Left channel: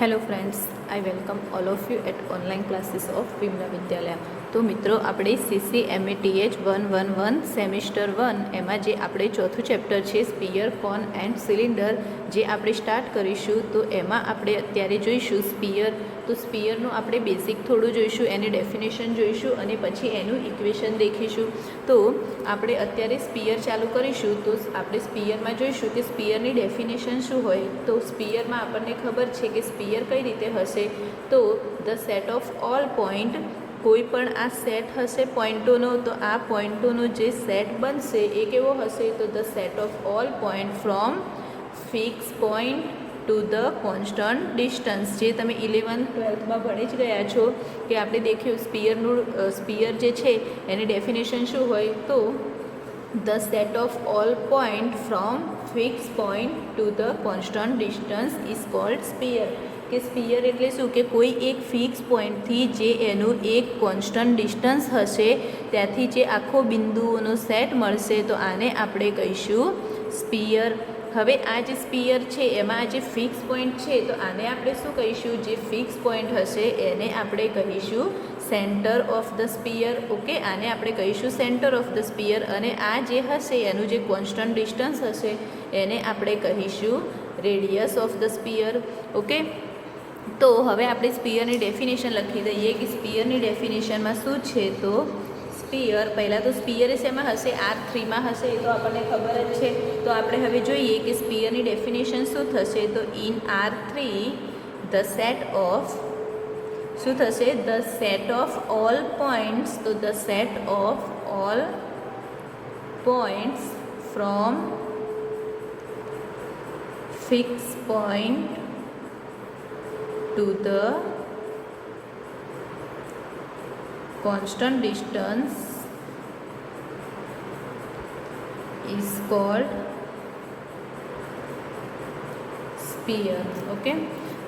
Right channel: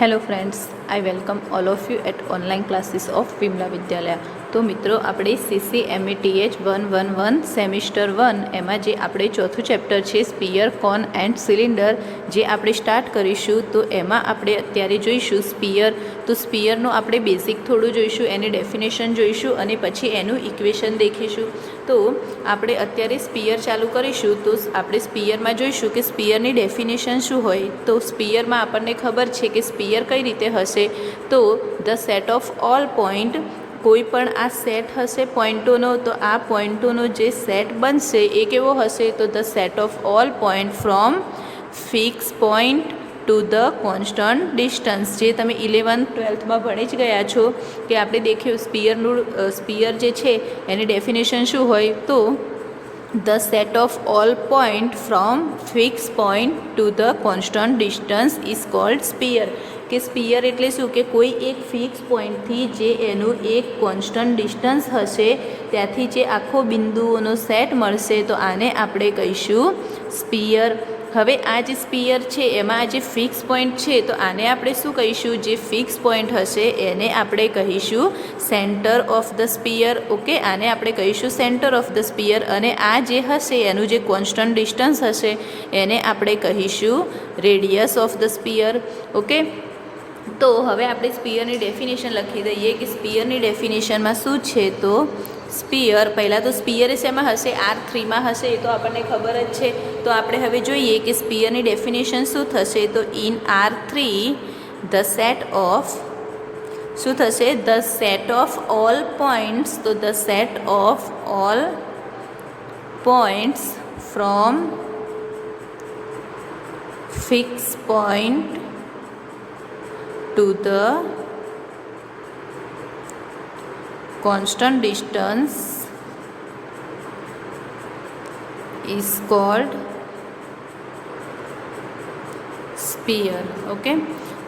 Hello friends, I welcome all of you at online classes of Vimala Vidyalaya. तो मित्रों, આપણે CCMATH 111 semester 1 એમાં જે આપણે ચોથું ચેપ્ટર છે સ્પિયર, કોન એન્ડ સિલિન્ડર જે આપણે સ્ટાર્ટ કરીશું, તો એમાં આપણે અત્યારે જોઈશું સ્પિયર. તો સ્પિયરનું આપણે બેઝિક થોડું જોઈશું, એની ડેફિનેશન જોઈશું અને પછી એનું ઇક્વેશન દેખીશું. તો આપણે અત્યારે સ્પિયર ચાલુ કરીશું. તો આપણે સ્પિયરમાં જોઈશું કે સ્પિયરની ડેફિનેશન શું હોય. તો સ્પિયરમાં આપણને ખબર છે કે સ્પિયર કઈ રીતે હશે. તો the set of all point, કોઈ પણ આ સેટ હશે પોઈન્ટોનો, તો આ પોઈન્ટોનો જે સેટ બનશે એ કેવો હશે. તો the set of all point from fix point to the constant distance, જે તમે 11th-12thમાં ભણી જ ગયા છો કે આપણે દેખ્યું સ્પિયર જે છે એની ડેફિનેશન શું હોય. તો the set of all point from fix point to the constant distance is called sphere. કે સ્પિયર એટલે શું કે કોઈ એક ફિક્સ પોઈન્ટથી જે એનું એક કોન્સ્ટન્ટ ડિસ્ટન્સ હશે ત્યાંથી જે આખો બિંદુઓનો સેટ મળશે, તો આને આપણે કહીશું સ્પિયર. હવે આ જે સ્પિયર છે એમાં આ જે ફિક્સ પોઈન્ટ છે, તો આને આપણે શું કહીશું, જે ફિક્સ પોઈન્ટ હશે એને આપણે કહીશું centre of the spear. Okay, આને આપણે કહીશું સેન્ટર ઓફ ધ સ્પિયર. અને આ જે હશે એનું જે કોન્સ્ટન્ટ ડિસ્ટન્સ હશે એને આપણે કહીશું radius of the spear. Okay, તો હવે આપણે સ્પિયરની ડેફિનેશન લખી દઈએ કે સ્પિયરની ડેફિનેશનમાં શું છે. તો સ્પિયર, પહેલાં તો સ્પિયર શેમાં હશે, R3માં હશે, એ તો આપણને ખબર જ છે. તો આપણે હવે જોઈએ કે સ્પિયરની ડેફિનેશન શું થશે. તો in R3 the set of, શું થશે, the set of all points. તો the set of all points from fix point to the constant distance is called sphere. Okay,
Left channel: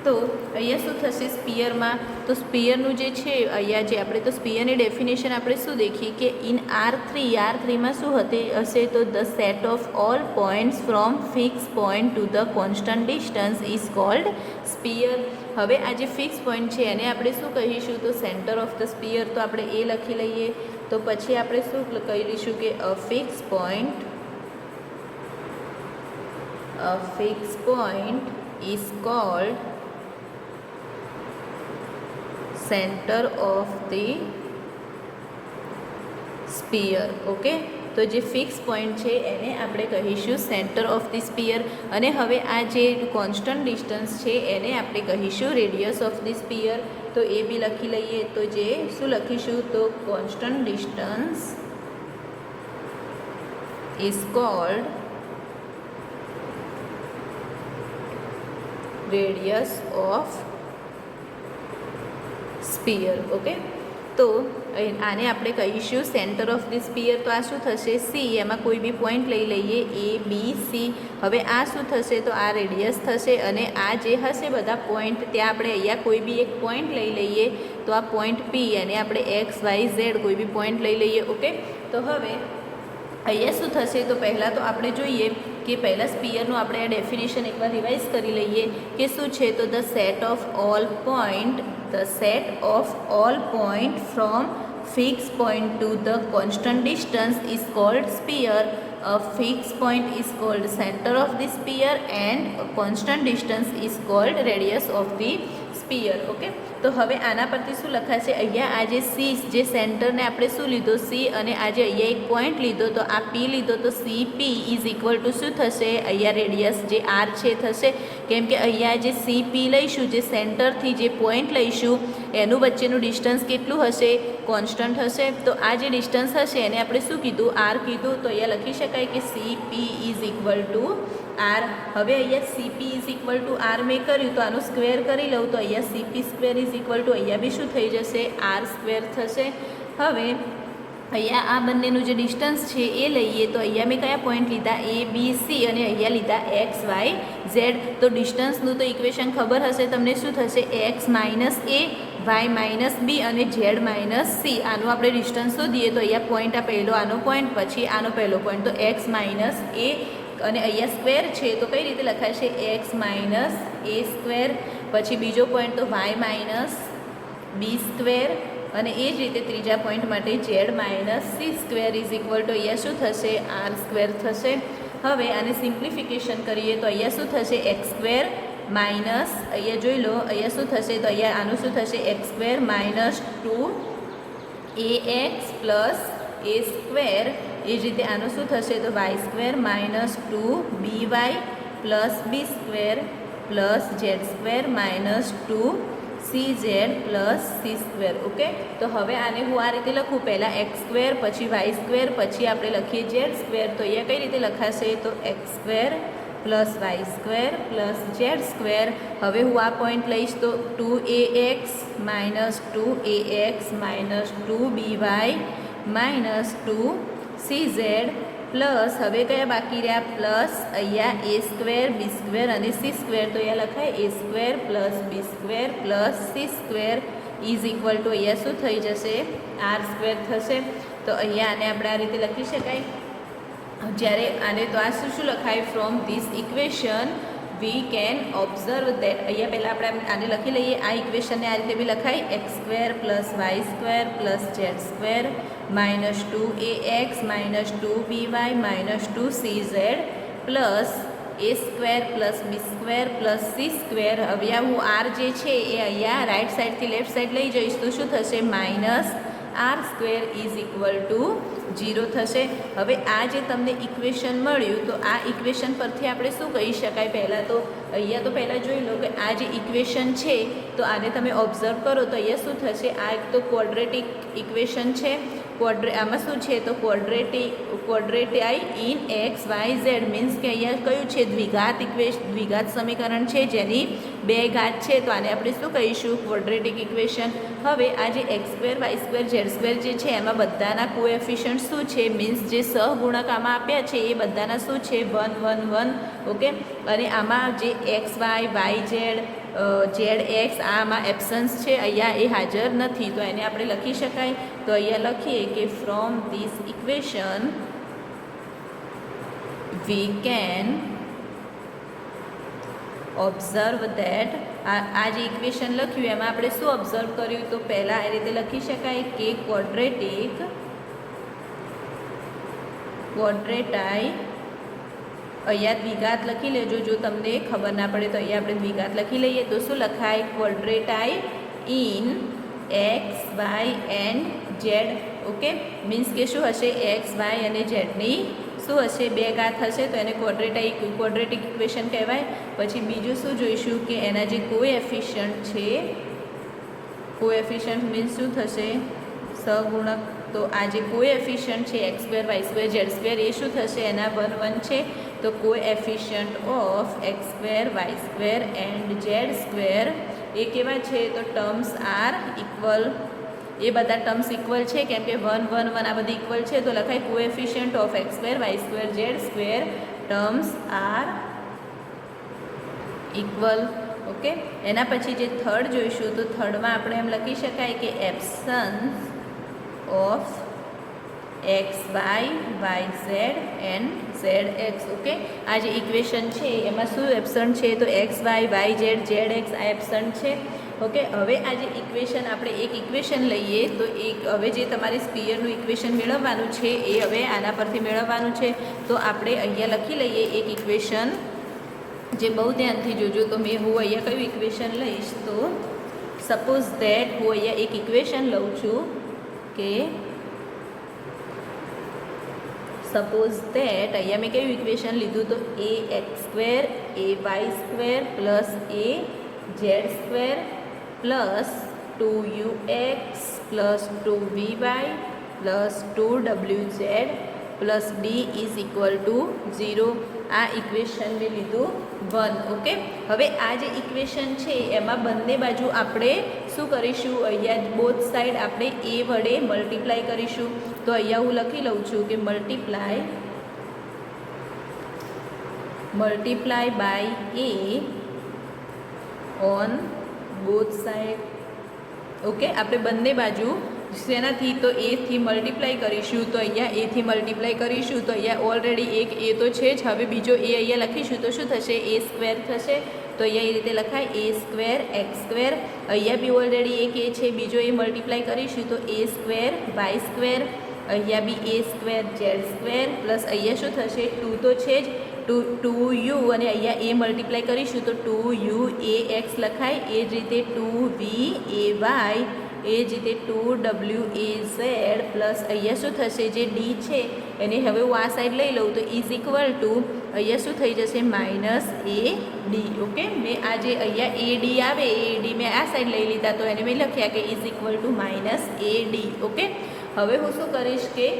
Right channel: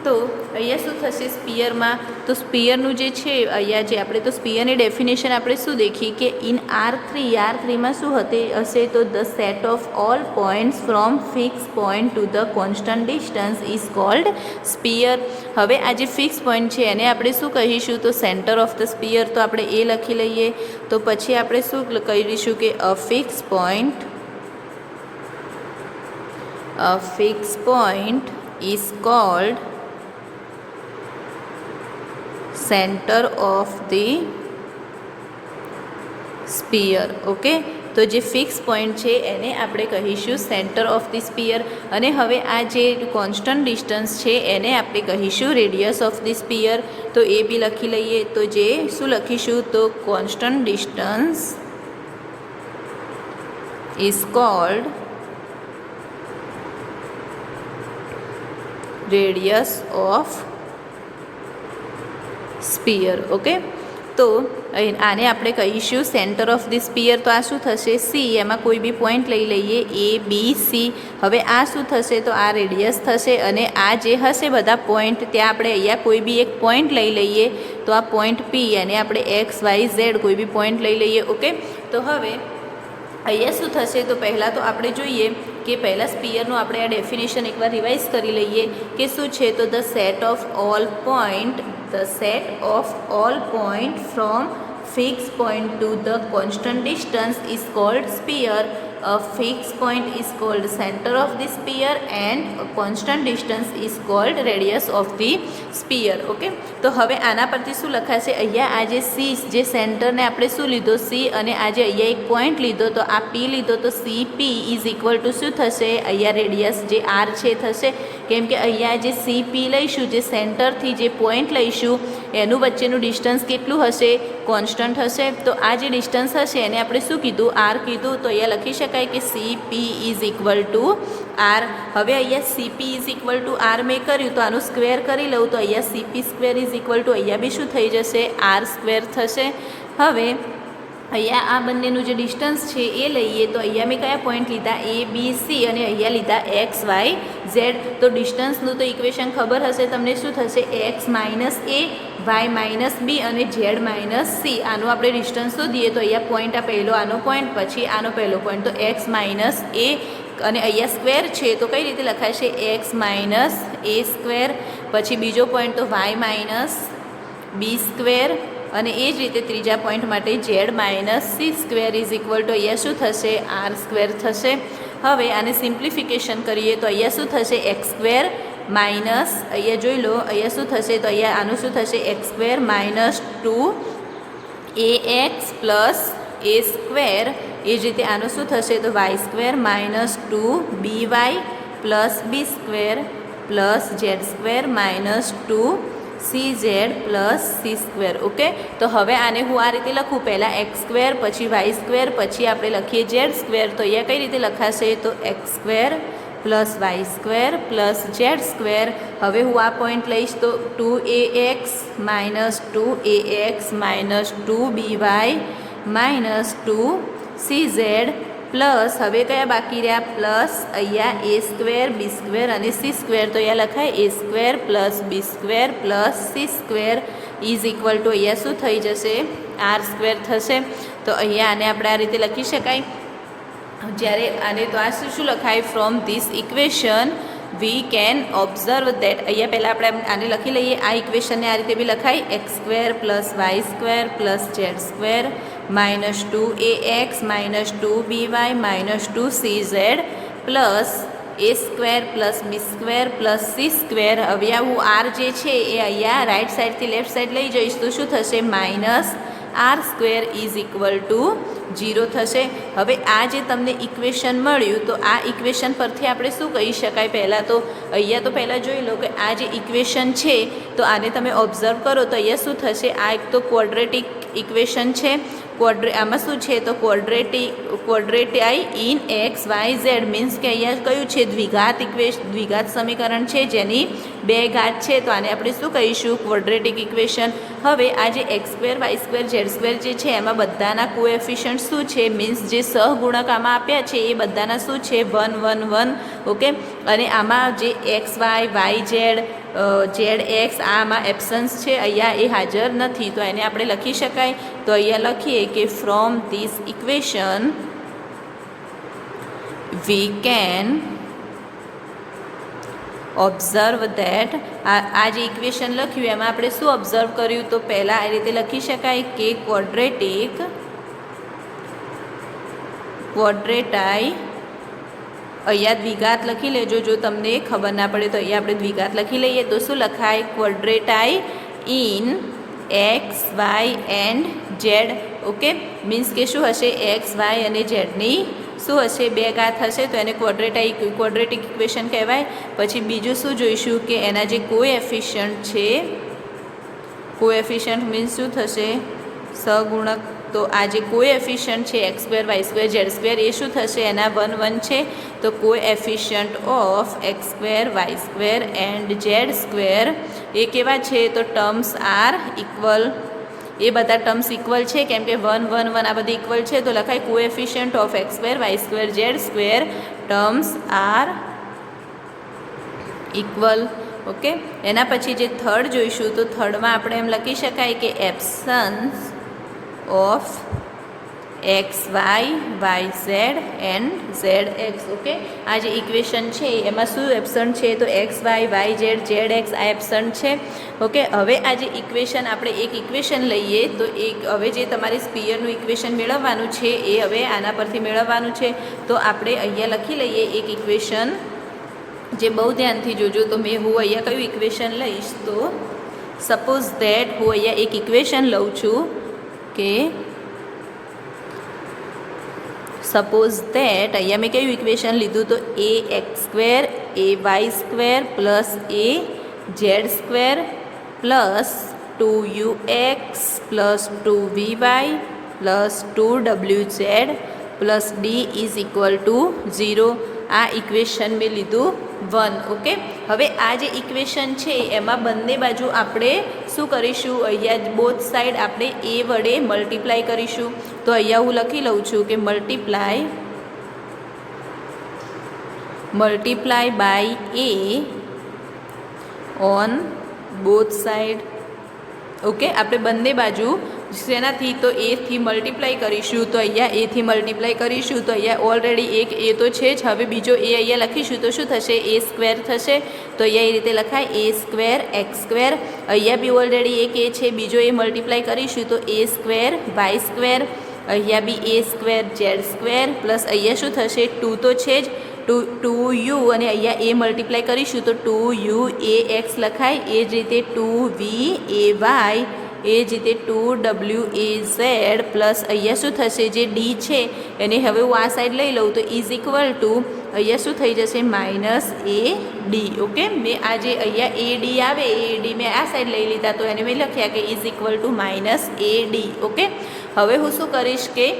તો અહીંયા શું થશે સ્પિયરમાં. તો સ્પિયરનું જે છે અહીંયા જે આપણે તો સ્પિયરની ડેફિનેશન આપણે શું દેખી કે ઇન R3માં શું હશે. તો the set of all points from fix point to the constant distance is called sphere. હવે આ જે ફિક્સ પોઈન્ટ છે એને આપણે શું કહીશું, તો સેન્ટર ઓફ ધ સ્પિયર. તો આપણે એ લખી લઈએ. તો પછી આપણે શું કહીશું કે a fix point is called centre of the sphere. Okay, તો જે ફિક્સ પોઈન્ટ છે એને આપણે કહીશું સેન્ટર ઓફ ધી સ્પિયર. અને હવે આ જે કોન્સ્ટન્ટ ડિસ્ટન્સ છે એને આપણે કહીશું રેડિયસ ઓફ ધી સ્પિયર. તો એ બી લખી લઈએ. તો જે શું લખીશું, તો constant distance is called radius of sphere. Okay, તો આને આપણે કહીશું સેન્ટર ઓફ ધી સ્પિયર. તો આ શું થશે, સી, એમાં કોઈ બી પોઈન્ટ લઈ લઈએ ABC. હવે આ શું થશે, તો આ રેડિયસ થશે. અને આ જે હશે બધા પોઈન્ટ, ત્યાં આપણે અહીંયા કોઈ બી એક પોઈન્ટ લઈ લઈએ. તો આ પોઈન્ટ P, એને આપણે XYZ કોઈ બી પોઈન્ટ લઈ લઈએ. ઓકે, તો હવે અહીંયા શું થશે, તો પહેલાં તો આપણે જોઈએ કે પહેલાં સ્પિયરનું આપણે આ ડેફિનેશન એકવાર રિવાઇઝ કરી લઈએ કે શું છે. તો the set of all point from fix point to the constant distance is called sphere. A fixed point is called center of the sphere and a constant distance is called radius of the sphere. Okay, તો હવે આના પરથી શું લખાશે, અહીંયા આ જે C, જે સેન્ટરને આપણે શું લીધો સી, અને આજે અહીંયા એક પોઈન્ટ લીધો તો આ પી લીધો. તો CP ઇઝ ઇક્વલ ટુ શું થશે, અહીંયા રેડિયસ જે આર છે થશે. કેમ કે અહીંયા જે CP લઈશું, જે સેન્ટરથી જે પોઈન્ટ લઈશું એનું વચ્ચેનું ડિસ્ટન્સ કેટલું હશે, કોન્સ્ટન્ટ હશે. તો આ જે ડિસ્ટન્સ હશે એને આપણે શું કીધું, આર કીધું. તો અહીંયા લખી શકાય કે CP is equal to R. હવે અહીંયા CP is equal to R મેં કર્યું, તો આનું સ્ક્વેર કરી લઉં. તો અહીંયા CP square is equal to અહીંયા બી શું થઈ જશે, આર સ્ક્વેર થશે. હવે અહીંયા આ બંનેનું જે ડિસ્ટન્સ છે એ લઈએ. તો અહીંયા મેં કયા પોઈન્ટ લીધા, ABC, અને અહીંયા લીધા XYZ. તો ડિસ્ટન્સનું તો ઇક્વેશન ખબર હશે તમને, શું થશે, X minus A, Y minus B અને Z માઇનસ C. આનું આપણે ડિસ્ટન્સ શોધીએ. તો અહીંયા પોઈન્ટ આ પહેલો આનો પોઈન્ટ, પછી આનો પહેલો પોઈન્ટ. તો X માઇનસ A અને અહીંયા સ્ક્વેર છે તો કઈ રીતે લખાશે એક્સ માઇનસ એ સ્ક્વેર, પછી બીજો પોઈન્ટ તો વાય માઇનસ બી સ્ક્વેર, અને એ જ રીતે ત્રીજા પોઈન્ટ માટે Z minus c square is equal to અહીંયા શું થશે આર સ્ક્વેર થશે. હવે આને સિમ્પ્લિફિકેશન કરીએ તો અહીંયા શું થશે એક્સ સ્ક્વેર માઇનસ, અહીંયા જોઈ લો અહીંયા શું થશે તો અહીંયા આનું શું થશે x square minus 2ax plus a square, એ જ રીતે આનું શું થશે તો y square minus 2by plus b square plus z square minus 2cz plus c square. Okay, તો હવે આને હું આ રીતે લખું, પહેલાં એક્સ સ્ક્વેર પછી વાય સ્ક્વેર પછી આપણે લખીએ ઝેડ સ્ક્વેર, તો અહીંયા કઈ રીતે લખાશે તો x square plus y square plus z square. હવે હું આ પોઈન્ટ લઈશ તો 2ax minus 2ax minus 2by minus 2cz plus હવે કયા બાકી રહ્યા પ્લસ અહીંયા એ સ્ક્વેર બી સ્ક્વેર અને સી સ્ક્વેર, તો અહીંયા લખાય a square plus b square plus c square is equal to અહીંયા શું થઈ જશે આર સ્ક્વેર થશે. તો અહીંયા આને આપણે આ રીતે લખી શકાય. જ્યારે આને તો આ શું લખાય from this equation we can observe that, અહીંયા પહેલાં આપણે આને લખી લઈએ, આ ઇક્વેશનને આ રીતે બી લખાય x square plus y square plus z square minus 2ax minus 2by minus 2cz plus a square plus b square plus c square. હવે આ હું આર જે છે એ અહીંયા રાઈટ સાઈડથી લેફ્ટ સાઈડ લઈ જઈશ તો શું થશે minus R square is equal to 0 થશે. હવે આ જે તમને ઇક્વેશન મળ્યું તો આ ઇક્વેશન પરથી આપણે શું કહી શકાય, પહેલાં તો અહીંયા તો પહેલાં જોઈ લો કે આ જે ઇક્વેશન છે તો આને તમે ઓબ્ઝર્વ કરો તો અહીંયા શું થશે, આ એક તો ક્વોડ્રેટિક ઇક્વેશન છે, આમાં શું છે તો quadratic in x y z, means કે અહીંયા કયું છે દ્વિઘાત સમીકરણ છે જેની બે ઘાત છે, તો આને આપણે શું કહીશું ક્વોડ્રેટિક ઇક્વેશન. હવે આ જે x square y square z square જે છે એમાં બધાના કોએફિશિયન્ટ શું છે, મીન્સ જે સહગુણક આમાં આપ્યા છે એ બધાના શું છે 1 1 1. ઓકે, અને આમાં જે x y z z x આમાં એબ્સન્સ છે, અહીંયા એ હાજર નથી, તો એને આપણે લખી શકાય. તો અહીંયા લખીએ કે from this equation we can observe that, આ જે ઇક્વેશન લખ્યું એમાં આપણે શું ઓબ્ઝર્વ કર્યું તો પહેલાં આ રીતે લખી શકાય કે ક્વોડ્રેટાઈ, અહીંયા દ્વિઘાત લખી લેજો, જો તમને ખબર ના પડે તો અહીંયા આપણે દ્વિઘાત લખી લઈએ તો શું લખાય quadratic in x y and z. Okay, means કે શું હશે એક્સ વાય અને ઝેડની શું હશે બે ઘાત હશે તો એને ક્વોડ્રેટિક ઇક્વેશન કહેવાય. પછી બીજું શું જોઈશું કે એના જે કોએફિશિયન્ટ છે, કોએફિશિયન્ટ મીન્સ શું થશે સહગુણક, તો આ જે કોએફિશિયન્ટ છે x square y square z square એ શું થશે એના 1 1 છે, તો coefficient of x square y square and z square એ કેવા છે તો ટર્મ્સ આર ઇક્વલ, એ બધા ટર્મ્સ ઇક્વલ છે કેમ કે 1 1 1 આ બધી ઇક્વલ છે, તો લખાય coefficient of x square y square z square terms are equal. Okay, એના પછી જે થર્ડ જોઈશું તો થર્ડમાં આપણે એમ લખી શકાય કે absence of x y z and z x. Okay, આ જે ઇક્વેશન છે એમાં શું એબ્સન્ટ છે તો એક્સ વાય ઝેડ એક્સ આ એબ્સન્ટ છે. ઓકે, હવે આ જે ઇક્વેશન આપણે એક ઇક્વેશન લઈએ તો હવે જે તમારે સ્પીયરનું ઇક્વેશન મેળવવાનું છે એ હવે આના પરથી મેળવવાનું છે, તો આપણે અહીંયા લખી લઈએ એક ઇક્વેશન, જે બહુ ધ્યાનથી જોજો. તો હું અહીંયા કયું ઇક્વેશન લઈશ તો સપોઝ ધેટ હું અહીંયા એક ઇક્વેશન લઉં છું કે સપોઝ ધેટ અહીંયા મેં કયું ઇક્વેશન લીધું તો a x square a y square plus a z square plus 2ux plus 2vy plus 2wz plus d is equal to 0. આ ઇક્વેશન મેં લીધું 1. ઓકે, હવે આ જે ઇક્વેશન છે એમાં બંને બાજુ આપણે શું કરીશું, અહીંયા બોથ સાઈડ આપણે એ વડે મલ્ટીપ્લાય કરીશું. તો અહીંયા હું લખી લઉં છું કે multiply by a on both side. Okay, આપણે બંને બાજુ શેનાથી તો એથી મલ્ટીપ્લાય કરીશું તો અહીંયા એથી મલ્ટીપ્લાય કરીશું તો અહીંયા ઓલરેડી એક એ તો છે જ, હવે બીજો એ અહીંયા લખીશું તો શું થશે, એ સ્ક્વેર થશે. તો અહીંયા એ રીતે લખાય એ સ્ક્વેર એક્સ સ્ક્વેર. અહીંયા બી ઓલરેડી એક એ છે, બીજો એ મલ્ટીપ્લાય કરીશું તો એ સ્ક્વેર વાય સ્ક્વેર. અહીંયા બી a square z square plus અહીંયા શું થશે, 2 તો છે જ, 2u અને અહીંયા એ મલ્ટીપ્લાય કરીશું તો 2u એ એક્સ લખાય. એ જ રીતે 2v એ વાય, એ જ રીતે 2w એ ઝેડ પ્લસ અહીંયા શું થશે, જે ડી છે એને હવે હું આ સાઈડ લઈ લઉં તો ઇઝ ઇક્વલ ટુ અહીંયા શું થઈ જશે, માઇનસ એ ડી. ઓકે, મેં આ જે અહીંયા એ ડી આવે એ ડી મેં આ સાઈડ લઈ લીધા તો એને મેં લખ્યા કે is equal two minus A d. Okay, હવે હું શું કરીશ કે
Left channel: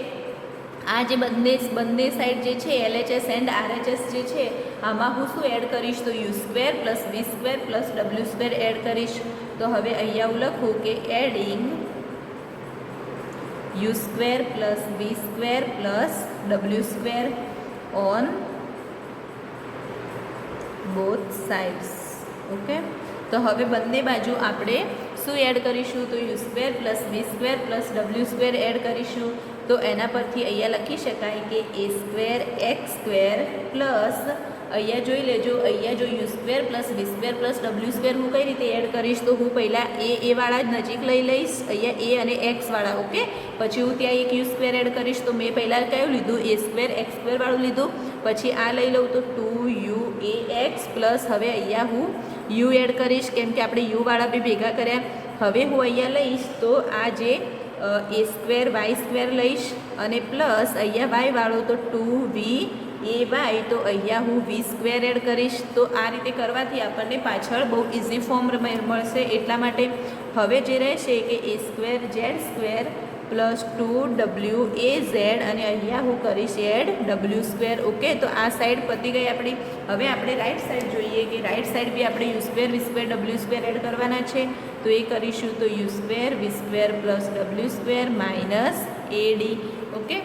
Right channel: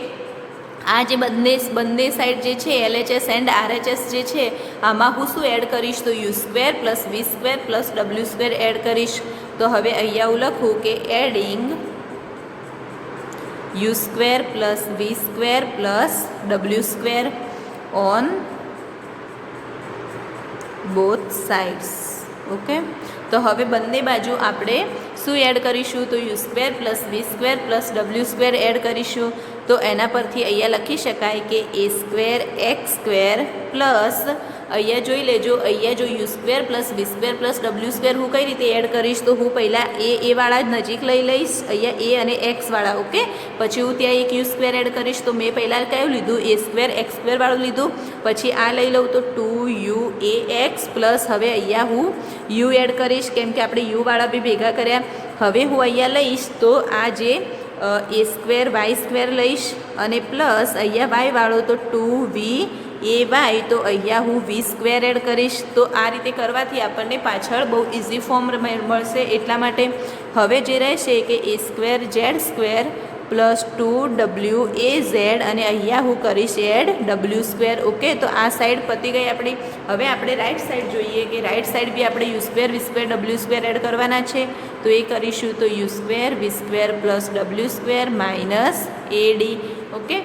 આ જે બંને સાઈડ જે છે LHS એન્ડ RHS જે છે આમાં હું શું એડ કરીશ તો યુ સ્ક્વેર પ્લસ વી square plus W square add કરીશ. તો હવે અહીંયા હું લખું કે adding u square plus V square plus W square on both sides. Okay, તો હવે બંને બાજુ આપણે શું એડ કરીશું તો યુ સ્ક્વેર પ્લસ વી square plus W square add કરીશું. તો એના પરથી અહીંયા લખી શકાય કે a square x square plus અહીંયા જોઈ લેજો, અહીંયા જો you square plus V square plus W square હું કઈ રીતે એડ કરીશ તો હું પહેલાં એ વાળા જ નજીક લઈ લઈશ, અહીંયા એ અને એક્સવાળા. ઓકે, પછી હું ત્યાં એક યુ સ્ક્વેર એડ કરીશ તો મેં પહેલાં કયું લીધું, એ સ્ક્વેર એક્સ સ્ક્વેર વાળું લીધું. પછી આ લઈ લઉં તો 2u એ એક્સ પ્લસ હવે અહીંયા હું યુ એડ કરીશ કેમ કે આપણે યુવાળા બી ભેગા કર્યા. હવે હું અહીંયા લઈશ તો આ જે એ સ્ક્વેર વાય સ્ક્વેર લઈશ અને પ્લસ અહીંયા વાય વાળો તો 2v એ વાય, તો અહીંયા હું વી સ્ક્વેર એડ કરીશ. તો આ રીતે કરવાથી આપણને પાછળ બહુ ઇઝી ફોર્મ મળશે. એટલા માટે હવે જે રહેશે કે a square z square plus 2w a z અને અહીંયા હું કરીશ એડ ડબલ્યુ સ્ક્વેર. ઓકે, તો આ સાઈડ પતી ગઈ આપણી. હવે આપણે રાઈટ સાઈડ જોઈએ કે રાઈટ સાઈડ બી આપણે યુ સ્ક્વેર વી સ્ક્વેર ડબલ્યુ સ્ક્વેર એડ કરવાના છે. તો એ કરીશું તો u square v square plus W square minus એ ડી. ઓકે,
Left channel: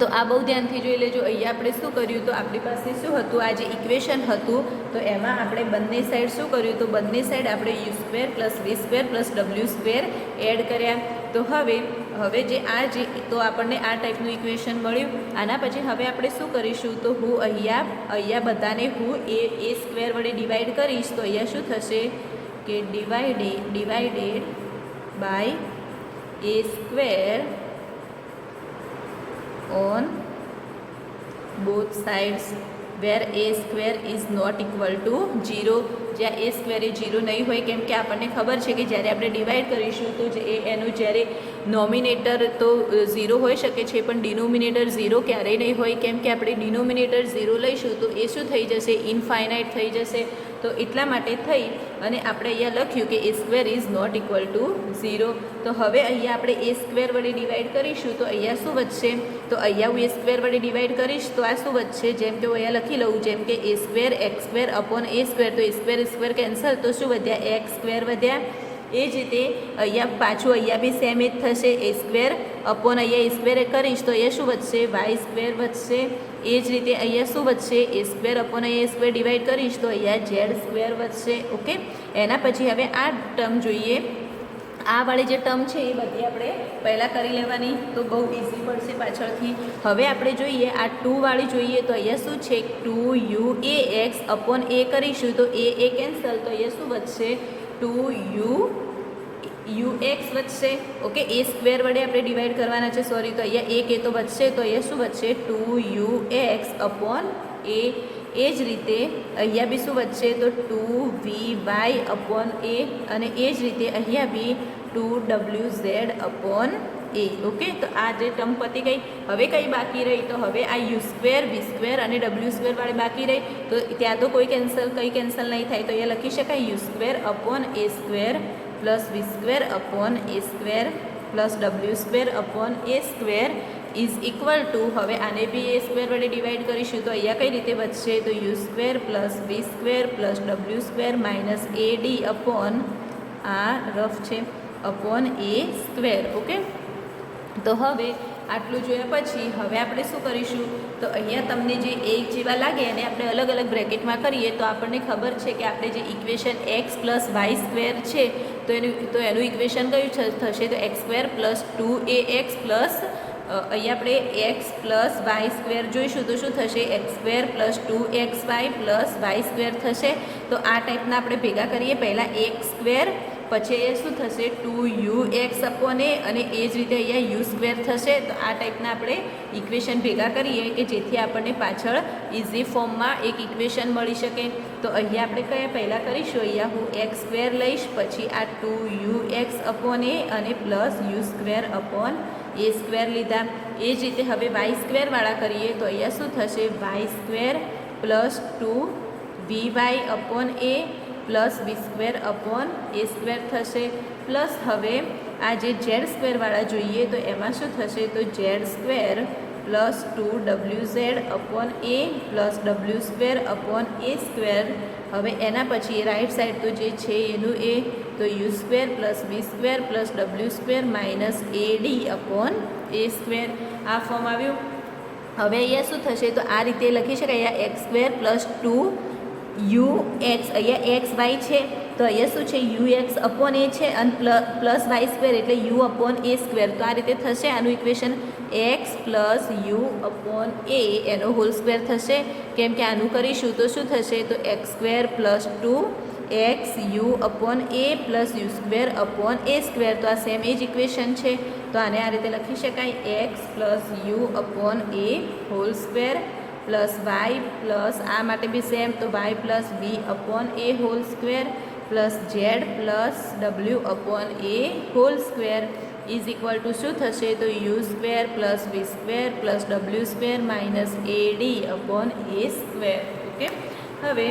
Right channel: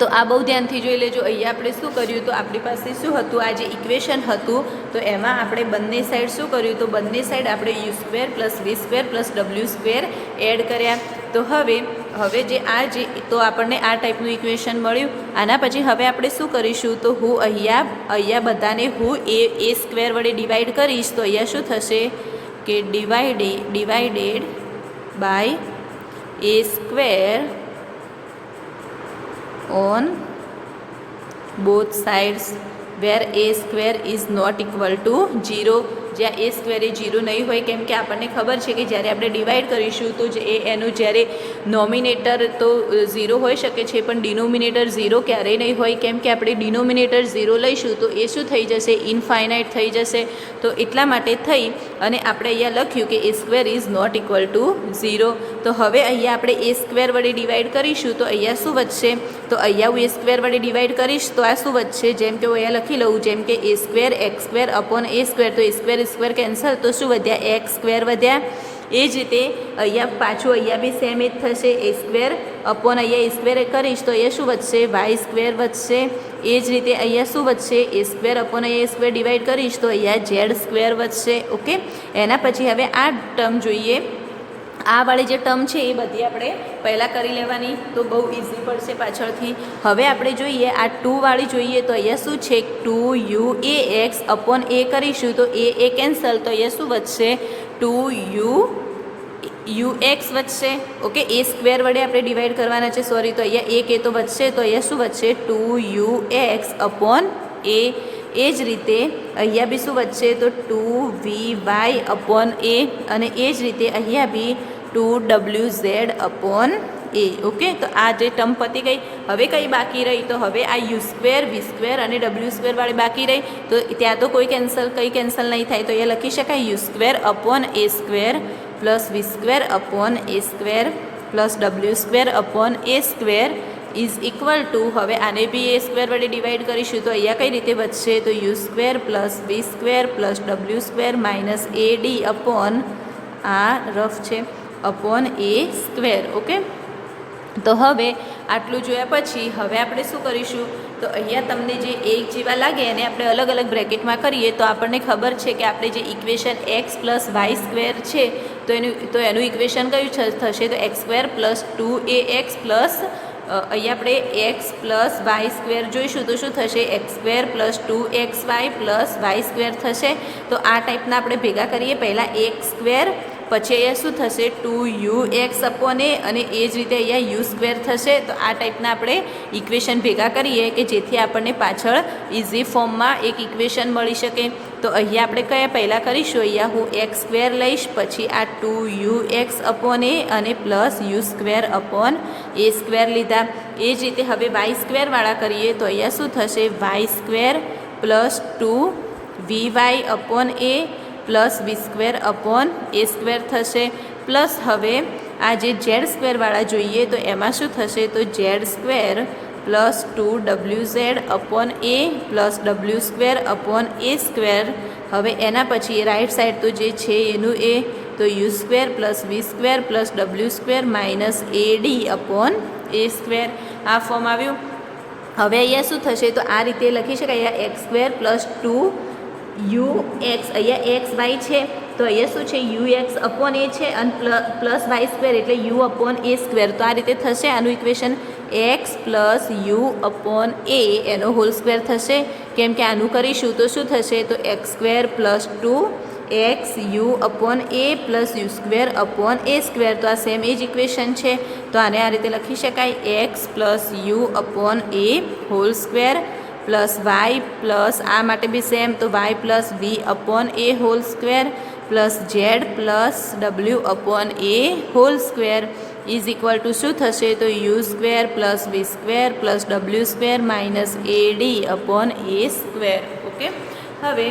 તો આ બહુ ધ્યાનથી જોઈ લેજો. અહીંયા આપણે શું કર્યું તો આપણી પાસે શું હતું, આ જે ઇક્વેશન હતું તો એમાં આપણે બંને સાઈડ શું કર્યું તો બંને સાઈડ આપણે યુ સ્ક્વેર પ્લસ વી square plus W square add કર્યા. તો હવે જે આ જે તો આપણને આ ટાઈપનું ઇક્વેશન મળ્યું. આના પછી હવે આપણે શું કરીશું તો હું અહીંયા બધાને હું એ સ્ક્વેર વડે ડિવાઈડ કરીશ તો અહીંયા શું થશે કે divided by a square on both sides where a square is not equal to 0. જ્યાં એ સ્ક્વેર એ 0 નહીં હોય કેમ કે આપણને ખબર છે કે જ્યારે આપણે ડિવાઈડ કરીશું તો એનું જ્યારે નોમિનેટર તો 0 હોઈ શકે છે પણ ડિનોમિનેટર 0 ક્યારેય નહીં હોય કેમ કે આપણે ડિનોમિનેટર 0 લઈશું તો એ શું થઈ જશે, ઇનફાઇનાઇટ થઈ જશે. તો એટલા માટે થઈ અને આપણે અહીંયા લખ્યું કે a square is not equal to 0. તો હવે અહીંયા આપણે એ સ્ક્વેર વડે ડિવાઈડ કરીશું તો અહીંયા શું વધશે તો અહીંયા હું એ સ્ક્વેર વડે ડિવાઈડ કરીશ તો આ શું વધશે, જેમ કે હું અહીંયા લખી લઉં જેમ કે a square x square upon a square, તો એ સ્ક્વેર કેન્સલ તો શું વધ્યા, એક્સ સ્ક્વેર વધ્યા. એ જ રીતે અહીંયા પાછું અહીંયા બી સેમ જ થશે, એ સ્ક્વેર અપોન અહીંયા એ સ્ક્વેર કરીશ તો અહીંયા શું વધશે, વાય સ્ક્વેર વધશે. એ જ રીતે અહીંયા શું વધશે, એ સ્ક્વેર અપોન અહીંયા એ સ્ક્વેર ડિવાઈડ કરીશ તો અહીંયા ઝેડ સ્ક્વેર વધશે. ઓકે, એના પછી હવે આ ટર્મ જોઈએ. આ વાળી જે ટર્મ છે એ બધી આપણે પહેલાં કરી લેવાની તો બહુ ઇઝી પડશે પાછળથી. હવે આપણે જોઈએ આ 2 વાળી જોઈએ તો અહીંયા શું છે 2u એ એક્સ અપોન એ કરીશું તો એ કેન્સલ તો અહીંયા શું વધશે 2u એક્સ વધશે. ઓકે, એ સ્ક્વેર વડે આપણે ડિવાઈડ કરવાના છે સોરી, તો અહીંયા એક એ તો વધશે તો અહીંયા શું વધશે 2u એક્સ અપોન એ. એ જ રીતે અહીંયા બી શું વધશે તો 2vy અપોન એ અને એ જ રીતે અહીંયા બી 2wz અપોન એ. ઓકે, તો આ જે ટર્મ પતી ગઈ. હવે કઈ બાકી રહી તો હવે આ યુ સ્ક્વેર વી સ્ક્વેર અને ડબલ્યુ સ્ક્વેર વાળી બાકી રહી તો ત્યાં તો કોઈ કેન્સલ નહીં થાય તો અહીંયા લખી શકાય u square upon a square plus V square upon a square plus W square upon a square is equal to હવે આને બી એ સ્ક્વેર વડે ડિવાઈડ કરીશું તો અહીંયા કઈ રીતે વધશે તો યુ સ્ક્વેર પ્લસ વી square plus W square minus એ ડી અપોન આ રફ છે અપોન એ સ્ક્વેર. ઓકે, તો હવે આટલું જોયા પછી હવે આપણે શું કરીશું, તો અહીંયા તમને જે એક જેવા લાગે એને આપણે અલગ અલગ બ્રેકેટમાં કરીએ તો આપણને ખબર છે કે આપણે જે equation x plus y square છે તો એનું ઇક્વેશન કયું થશે, તો x square plus 2ax plus અહીંયા આપણે એક્સ પ્લસ વાય સ્ક્વેર જોઈશું તો શું થશે, x square plus 2xy plus y square થશે. તો આ ટાઈપના આપણે ભેગા કરીએ, પહેલાં એક્સ સ્ક્વેર પછી અહીંયા શું થશે 2ux અપોન એ અને એ જ રીતે અહીંયા યુ સ્ક્વેર થશે. તો આ ટાઈપના આપણે ઇક્વેશન ભેગા કરીએ કે જેથી આપણને પાછળ ઇઝી ફોર્મમાં એક ઇક્વેશન મળી શકે. તો અહીંયા આપણે કયા પહેલાં કરીશું, અહીંયા હું એક્સ સ્ક્વેર લઈશ, પછી આ 2ux અપોન એ અને plus you square upon a square લીધા. એ જ રીતે હવે વાય સ્ક્વેરવાળા કરીએ તો અહીંયા શું થશે, y square plus 2vy upon a plus V square upon a square થશે. પ્લસ હવે આ જે ઝેડ સ્ક્વેરવાળા જોઈએ તો એમાં શું થશે, તો z square plus 2wz upon a plus W square upon a square. હવે એના પછી રાઈટ સાઈડ તો જે છે એનું એ, તો u square plus V square plus W square minus AD upon a square. આ ફોર્મ આવ્યું. હવે અહીંયા શું થશે, તો આ રીતે લખી શકાય, અહીંયા એક્સ સ્ક્વેર પ્લસ 2ux, અહીંયા એક્સ વાય છે તો અહીંયા શું છે ux અપોન એ છે અને પ્લસ વાય સ્ક્વેર એટલે યુ અપોન એ સ્ક્વેર. તો આ રીતે થશે આનું equation x plus u upon a એનો હોલ સ્ક્વેર થશે. કેમ કે આનું કરીશું તો શું થશે, તો x square plus 2x you upon a plus you square upon a square. તો આ સેમ એ જ ઇક્વેશન છે. તો આને આ રીતે લખી શકાય, x plus u upon a whole square plus Y plus આ માટે બી સેમ, તો y plus v upon a whole square plus Z plus ડબલ્યુ upon a whole square is equal to શું થશે, તો u square plus V square plus W square minus AD upon a square. Okay, હવે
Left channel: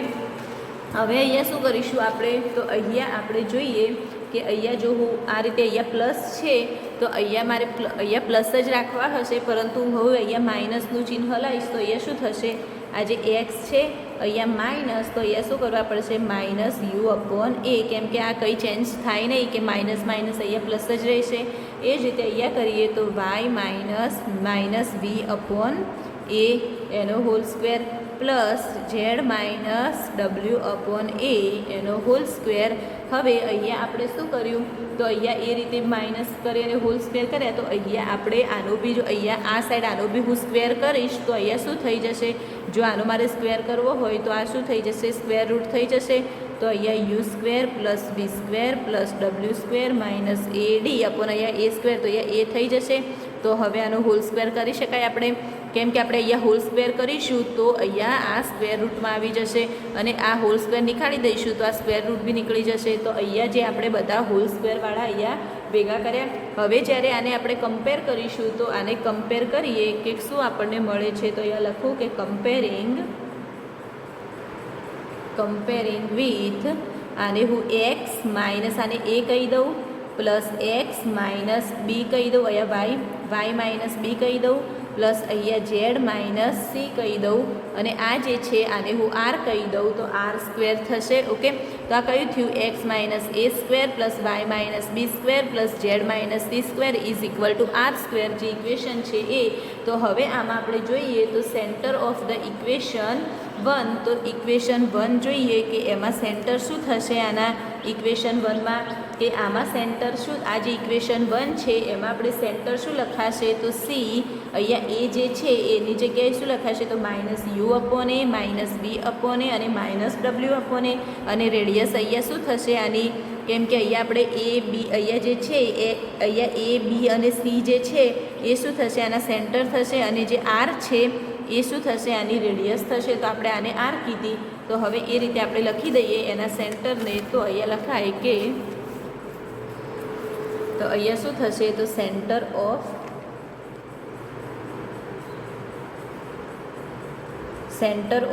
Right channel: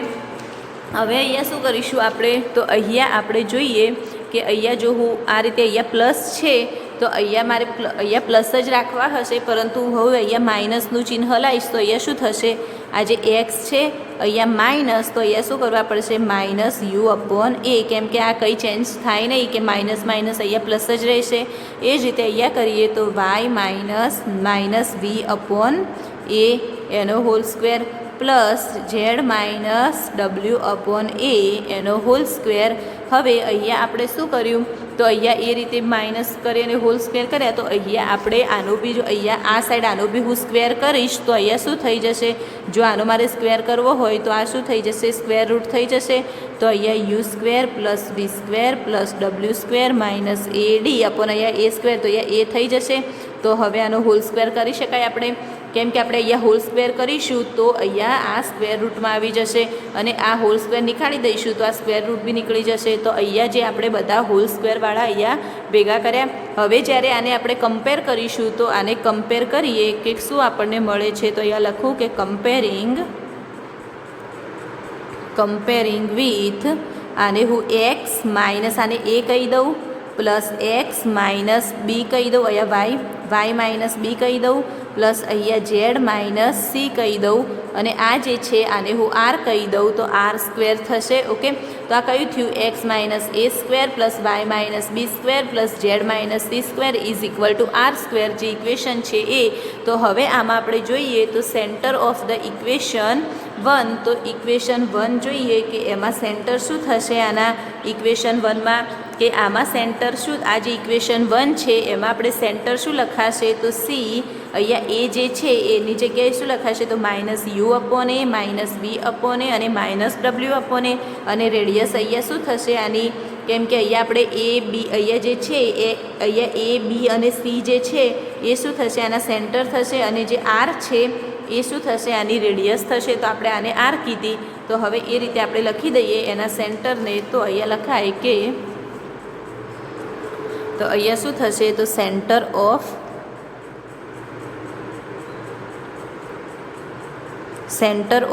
અહીંયા શું કરીશું આપણે, તો અહીંયા આપણે જોઈએ કે અહીંયા જો હું આ રીતે અહીંયા પ્લસ છે તો અહીંયા મારે અહીંયા પ્લસ જ રાખવા હશે, પરંતુ હવે અહીંયા માઇનસનું ચિહ્ન લાવીશ તો અહીંયા શું થશે, આ જે એક્સ છે અહીંયા માઇનસ, તો અહીંયા શું કરવા પડશે, માઇનસ યુ અપોન એ. કેમ કે આ કંઈ ચેન્જ થાય નહીં કે માઇનસ માઇનસ અહીંયા પ્લસ જ રહેશે. એ જ રીતે અહીંયા કરીએ તો y minus v upon a એનો whole square plus z minus ડબલ્યુ અપોન એ એનો હોલ સ્ક્વેર. હવે અહીંયા આપણે શું કર્યું, તો અહીંયા એ રીતે માઇનસ કરી અને હોલ સ્ક્વેર કર્યા, તો અહીંયા આપણે આનો બી જો અહીંયા આ સાઈડ આનો બી હું સ્ક્વેર કરીશ તો અહીંયા શું થઈ જશે, જો આનો મારે સ્ક્વેર કરવો હોય તો આ શું થઈ જશે, સ્ક્વેર રૂટ થઈ જશે. તો અહીંયા યુ સ્ક્વેર પ્લસ વી square plus W square minus AD upon અહીંયા એ સ્ક્વેર, તો અહીંયા એ થઈ જશે. તો હવે આનો હોલ સ્ક્વેર કરી શકાય આપણે, કેમ કે આપણે અહીંયા હોલ સ્ક્વેર કરીશું તો અહીંયા આ સ્ક્વેર રૂટમાં આવી જશે અને આ હોલ સ્ક્વેર નીકાળી દઈશું તો આ સ્ક્વેર રૂટ બી નીકળી જશે. તો અહીંયા જે આપણે બધા હોલ સ્ક્વેરવાળા અહીંયા ભેગા કર્યા. હવે જ્યારે આને આપણે કમ્પેર કરીશું તો આને કમ્પેર કરીએ કે શું આપણને મળે છે, તો અહીંયા લખું કે કમ્પેરિંગ વિથ, આને હું એક્સ માઇનસ આને એ કહી દઉં પ્લસ એક્સ માઇનસ બી કહી દઉં, અહીંયા વાય માઇનસ બી કહી દઉં પ્લસ અહીંયા ઝેડ માઇનસ સી કહી દઉં અને આ જે છે આને હું આર કહી દઉં તો આર સ્ક્વેર થશે. ઓકે, તો આ કયું થયું, x minus a square plus y minus b square plus z minus c square is equal to r square, જે ઇક્વેશન છે એ. તો હવે આમાં આપણે જોઈએ તો સેન્ટર ઓફ ધ ઇક્વેશન 1, તો ઇક્વેશન 1 જોઈએ કે એમાં સેન્ટર શું થશે આના ઇક્વેશન 1માં, કે આમાં સેન્ટર શું, આ જે ઇક્વેશન 1 છે એમાં આપણે સેન્ટર શું લખાશે, તો સી. અહીંયા એ જે છે એની જગ્યાએ શું લખાશે, તો minus u upon a minus b upon a અને માઇનસ ડબલ્યુ અપોન એ અને રેડિયસ અહીંયા શું થશે આની, કેમ કે અહીંયા આપણે એ બી અહીંયા જે છે એ અહીંયા એ બી અને સી જે છે એ શું થશે, આના સેન્ટર થશે અને જે આર છે એ શું થશે, આની રેડિયસ થશે. તો આપણે આને આર કીધી, તો હવે એ રીતે આપણે લખી દઈએ એના સેન્ટરને. તો અહીંયા લખાય કે, તો અહીંયા શું થશે, તો સેન્ટર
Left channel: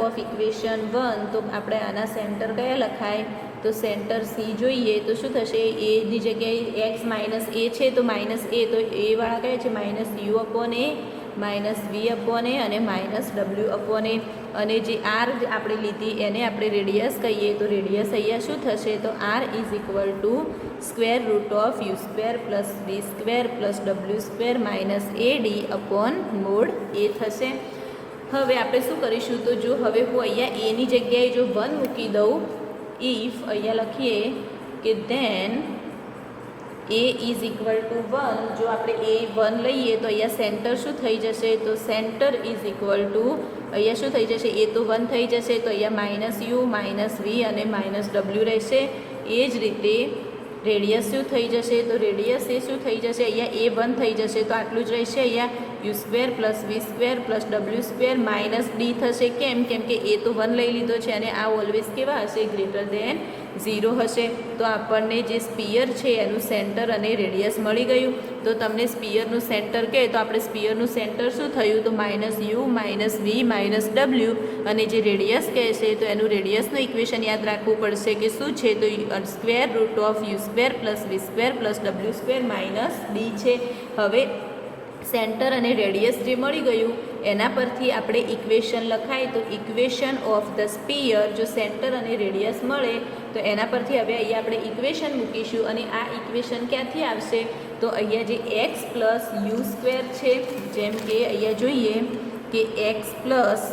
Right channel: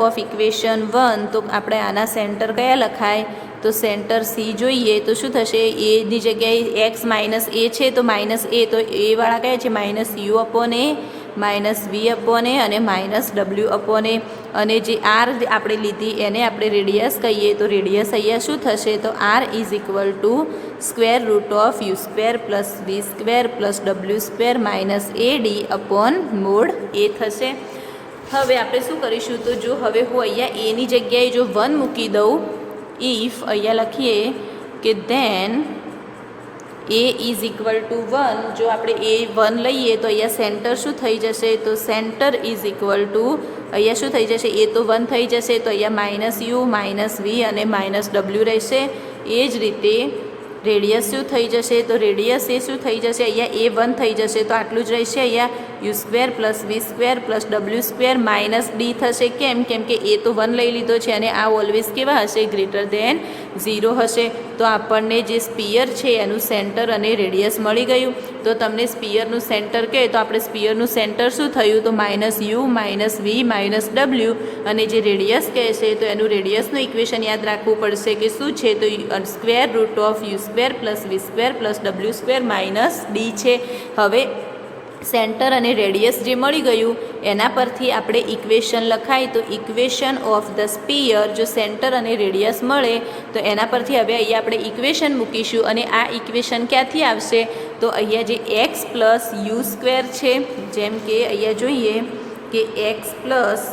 ઓફ ઇક્વેશન 1, તો આપણે આના સેન્ટર કયા લખાય, તો સેન્ટર સી જોઈએ તો શું થશે, એની જગ્યાએ એક્સ માઇનસ એ છે તો માઇનસ એ, તો એ વાળા કયા છે, minus u upon a minus v upon a અને માઇનસ ડબલ્યુ અપોન એ, અને જે આર આપણે લીધી એને આપણે રેડિયસ કહીએ, તો રેડિયસ અહીંયા શું થશે, તો r is equal to square root of u square plus V square plus W square minus A d upon mod a થશે. હવે આપણે શું કરીશું, તો જો હવે હું અહીંયા એની જગ્યાએ જો 1 મૂકી દઉં, ઇફ અહીંયા લખીએ કે then a is equal to 1, જો આપણે એ 1 લઈએ તો અહીંયા સેન્ટર શું થઈ જશે, તો સેન્ટર ઇઝ ઇક્વલ ટુ અહીંયા શું થઈ જશે, એ તો 1 થઈ જશે, તો અહીંયા માઇનસ યુ માઇનસ વી અને માઇનસ ડબલ્યુ રહેશે. એ જ રીતે રેડિયસ શું થઈ જશે, તો રેડિયસ એ શું થઈ જશે, અહીંયા એ 1 થઈ જશે, તો આટલું જ રહેશે. અહીંયા યુ સ્ક્વેર પ્લસ વી square plus W square minus d થશે. કેમ કે એ તો 1 લઈ લીધો છે અને આ ઓલવેઝ કેવા હશે, ગ્રેટર દેન 0 હશે. તો આપણને જે સ્પિયર છે એનું સેન્ટર અને રેડિયસ મળી ગયું. તો તમને સ્પિયરનું સેન્ટર કહે તો આપણે સ્પિયરનું સેન્ટર શું થયું, તો minus u minus v minus ડબલ્યુ, અને જે રેડિયસ કહેશે તો એનું રેડિયસનું ઇક્વેશન યાદ રાખવું પડશે કે શું છે, તો square root of u square plus V square plus W square minus d છે. હવે સેન્ટર અને રેડિયસ જે મળી ગયું એના પરથી આપણે ઇક્વેશન લખાય, તો ઇક્વેશન ઓફ ધ સ્પિયર, જો સેન્ટર અને રેડિયસ મળે તો એના પરથી હવે અહીંયા આપણે ઇક્વેશન મૂકીશું. અને આ ઇક્વેશન ક્યાંથી આવશે, તો અહીંયા જે એક્સ પ્લસ યુ સ્ક્વેર છે, જેમ કે અહીંયા જોઈએ કે એક્સ પ્લસ,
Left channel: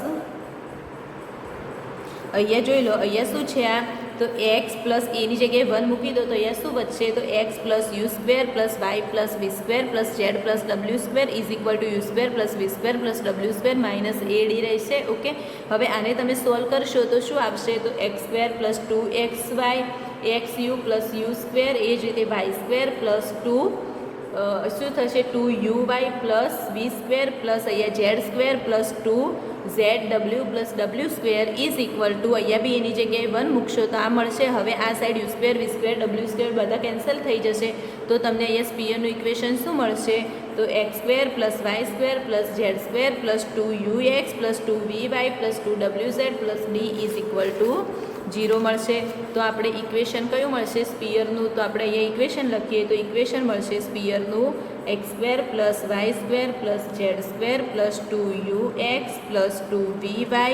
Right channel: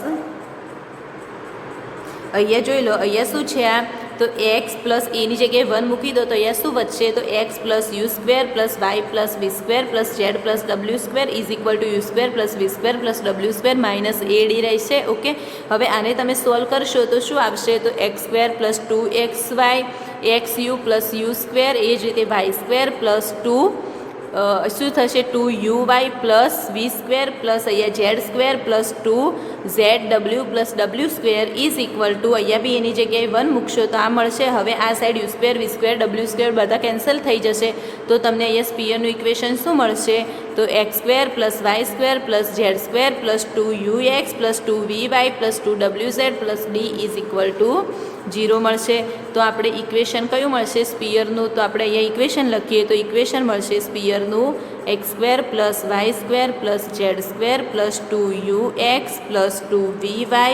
અહીંયા જોઈ લો અહીંયા શું છે આ, તો એક્સ પ્લસ એની જગ્યાએ 1 મૂકી દો તો અહીંયા શું વધશે, તો X plus you square plus Y plus V square plus Z plus W square is equal to U square plus V square plus W square minus A D રહેશે. ઓકે, હવે આને તમે સોલ્વ કરશો તો શું આવશે, તો x square plus 2xy X U plus you square, એ જ રીતે વાય સ્ક્વેર પ્લસ 2 શું થશે, 2uy પ્લસ વી સ્ક્વેર પ્લસ અહીંયા Z square plus 2zw plus W square is equal to, અહીંયા બી એની જગ્યાએ 1 મૂકશો તો આ મળશે. હવે આ side u square v square ડબલ્યુ સ્ક્વેર બધા કેન્સલ થઈ જશે, તો તમને અહીંયા સ્પિયરનું ઇક્વેશન શું મળશે, તો x square plus y square plus z square plus 2ux plus 2vy plus 2wz plus d is equal to 0 મળશે. તો આપણે ઇક્વેશન કયું મળશે, સ્પિયરનું, તો આપણે અહીંયા ઇક્વેશન લખીએ તો ઇક્વેશન મળશે સ્પિયરનું x square plus y square plus z square plus 2ux plus 2vy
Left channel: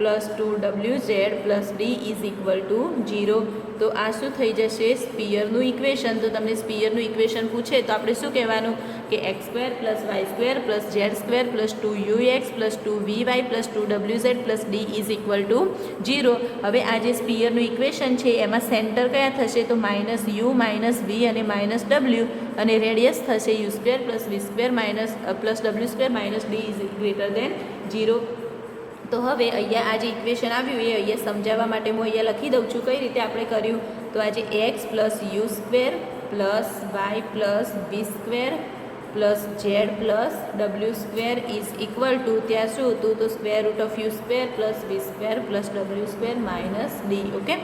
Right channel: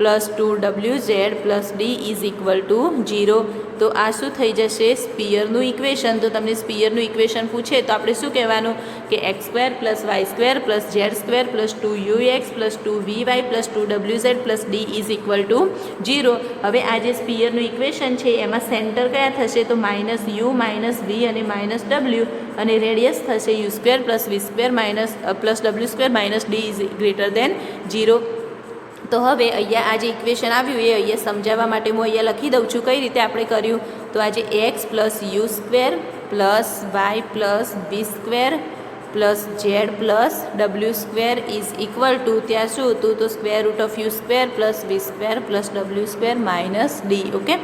plus 2wz plus d is equal to 0. તો આ શું થઈ જશે, સ્પિયરનું ઇક્વેશન. તો તમને સ્પિયરનું ઇક્વેશન પૂછે તો આપણે શું કહેવાનું કે x square plus y square plus z square plus 2ux plus 2vy plus 2wz plus d is equal to 0. હવે આ જે સ્પિયરનું ઇક્વેશન છે એમાં સેન્ટર કયા થશે, તો માઇનસ યુ માઇનસ વી અને માઇનસ ડબલ્યુ, અને રેડિયસ થશે u square plus V square minus plus W square minus d is greater than 0. તો હવે અહીંયા આ જે ઇક્વેશન આવ્યું એ અહીંયા સમજાવવા માટે હું અહીંયા લખી દઉં છું કઈ રીતે આપણે કર્યું. તો આજે x plus you square plus Y plus V square plus Z plus W square is equal to, ત્યાં શું હતું, તો square root of u square plus V square plus W square minus d. Okay,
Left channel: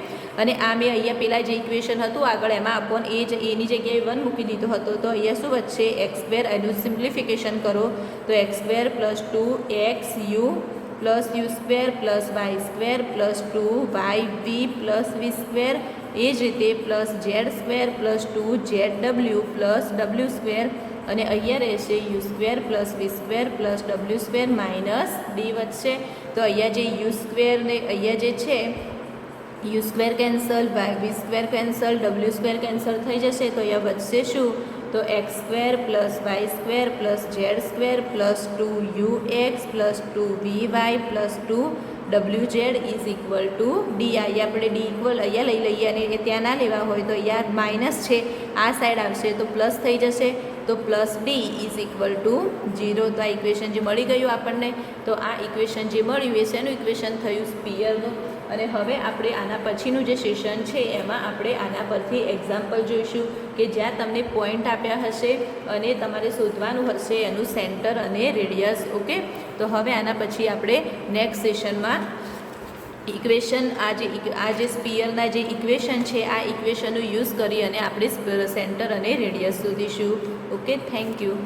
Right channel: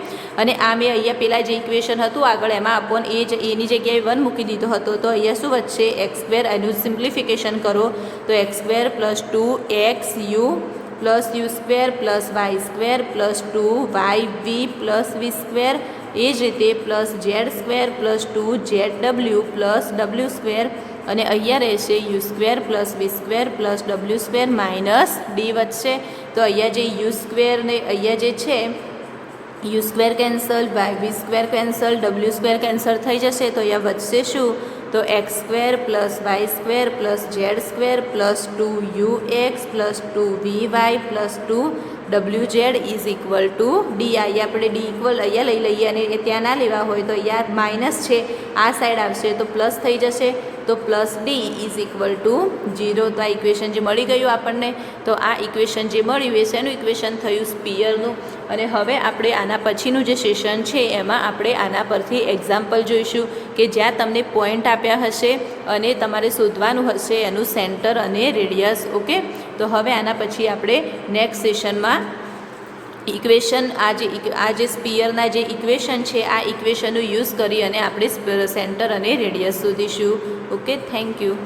અને આ મેં અહીંયા પહેલાં જે ઇક્વેશન હતું આગળ એમાં અપોન એ જ એની જગ્યાએ 1 મૂકી દીધો હતો, તો અહીંયા શું વધશે, એક્સ સ્ક્વેર, એનું સિમ્પ્લિફિકેશન કરો તો x square plus 2xu plus you square plus y square plus 2yv plus V square, એ જ રીતે plus z square plus 2zw plus W square, અને અહીંયા રહેશે યુ સ્ક્વેર પ્લસ વી square plus W square minus d વધશે. તો અહીંયા જે યુ સ્ક્વેર ને અહીંયા જે છે u square cancel, v square cancel, ડબલ્યુ સ્ક્વેર કેન્સલ થઈ જશે, તો અહીંયા વધશે શું, તો x square plus y square plus z square plus 2ux plus 2vy plus 2wz is equal to d. અહીંયા આપણે ડી ઇક્વલ અહીંયા લઈ લઈએ અને ત્યાં ના લેવા હોય તો અહીંયા માઇનસ છે, આ સાઈડ આવશે તો પ્લસ થઈ જશે, તો plus d is equal to 0. તો આ ઇક્વેશન જે મળી ગયું આપણને, તો આ ઇક્વેશન જે મળ્યું એ શેનું ઇક્વેશન થયું, સ્પિયરનું. અને હવે આપણે આના પછીનું જે સેશન છે એમાં આપણે આના પરથી એક્ઝામ્પલ જોઈશું કે જ્યાં તમને પોઈન્ટ આપ્યા હશે અને તમારે શોધવાનું હશે એનું સેન્ટર અને રેડિયસ. ઓકે, તો હવે આના પછી આપણે નેક્સ્ટ સેશનમાં ઇક્વેશન આ જે સ્પિયરના જે ઇક્વેશન છે આ ઇક્વેશનનો યુઝ કરી અને આપણે સેન્ટર અને રેડિયસ શોધીશું. Okay, thank you.